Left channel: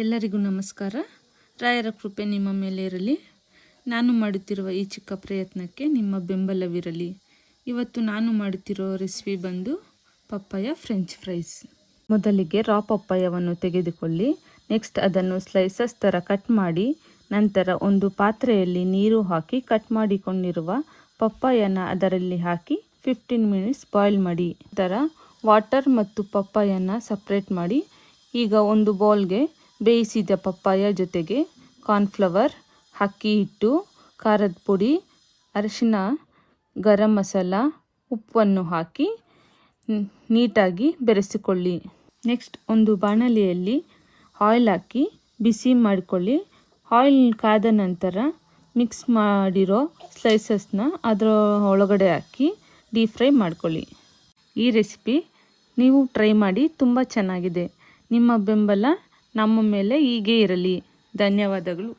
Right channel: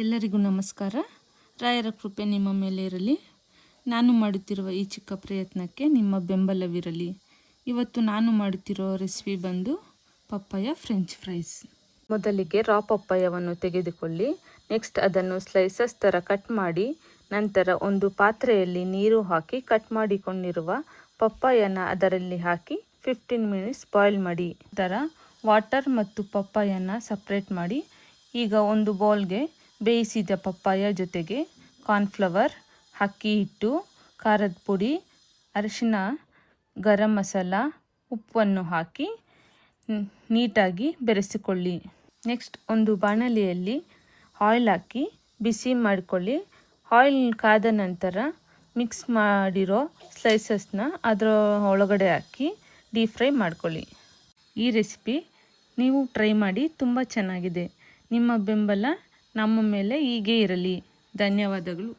ಎಲ್ಲರಿಗೂ ನಮಸ್ಕಾರ. ರಾಯರ ಕೃಪೆ ನಿಮ್ಮ ಮೇಲೆ ಇರಲಿ. ನಾನು ಮಾಡುತ್ತಿರುವ ಈ ಚಿಕ್ಕ ಪ್ರಯತ್ನಕ್ಕೆ ನಿಮ್ಮ ಬೆಂಬಲವಿರಲಿ. ಇವತ್ತು ನಾನು ಮಾಡುತ್ತಿರೋ ರೆಸಿಪಿ ಬಂದು ಪಪ್ಪಾಯ ಫ್ರೆಂಚ್ ಫ್ರೈಸ್. ಮೊದಲಿಗೆ ರಾ ಪಪ್ಪಾಯವನ್ನು ತೆಗೆದುಕೊಳ್ಳಿ. ನೆಕ್ಸ್ಟ್ ಅದನ್ನು ಸ್ಲೈಸಸ್ ಥರ ಕಟ್ ಮಾಡಿ, ನಂತರ ಒಂದು ಪಾತ್ರೆಯಲ್ಲಿ ನೀರು ಹಾಕಿ ಕಟ್ ಮಾಡಿಕೊಂಡಿರುವ ಪಪ್ಪಾಯನ ಅದರಲ್ಲಿ ಹಾಕಿ 15 ಮಿನಿಟ್ಸ್ ಬಾಯ್ಲ್ ಮಾಡಿ. ನಂತರ ವಾಟರ್ ಮತ್ತು ಪಪ್ಪಾಯನ ಸಪ್ರೇಟ್ ಮಾಡಿ. ಈಗ ಒಂದು ಬೌಲ್ಗೆ ಬೇಯಿಸಿದ ಪಪ್ಪಾಯ ಜೊತೆಗೆ ಕಾರ್ನ್ಫ್ಲವರ್, ಅಕ್ಕಿ ಹಿಟ್ಟು, ಖಾರದ ಪುಡಿ, ಅರಿಶಿನ, ಗರಂ ಮಸಾಲ, ಉಪ್ಪನ್ನು ಹಾಕಿ ನೀಟಾಗಿ ಬೆರೆಸಿಕೊಳ್ಳಿ. ನೆಕ್ಸ್ಟ್ ಒಂದು ಬಾಣಲೆಯಲ್ಲಿ ಆಯಿಲ್ ಹಾಕಿ ಬಿಸಿ ಮಾಡಿಕೊಳ್ಳಿ. ಆಯಿಲ್ ಕಾದ ನಂತರ ಮಿಕ್ಸ್ ಮಾಡಿರೋ ಸ್ಲೈಸಸ್ನ ಅದರ ಒಳಗಡೆ ಹಾಕಿ ಡೀಪ್ ಫ್ರೈ ಮಾಡ್ಕೊಳ್ಳಿ. ಈ ರೆಸಿಪಿ ನೀವು ಟ್ರೈ ಮಾಡಿ, ತುಂಬ ಚೆನ್ನಾಗಿದೆ. ನಿಮ್ಮ ಬೆಂಬಲ ನಮ್ಮ ಮೇಲೆ ಹೀಗೆ ಇರಲಿ. ಧನ್ಯವಾದಗಳು.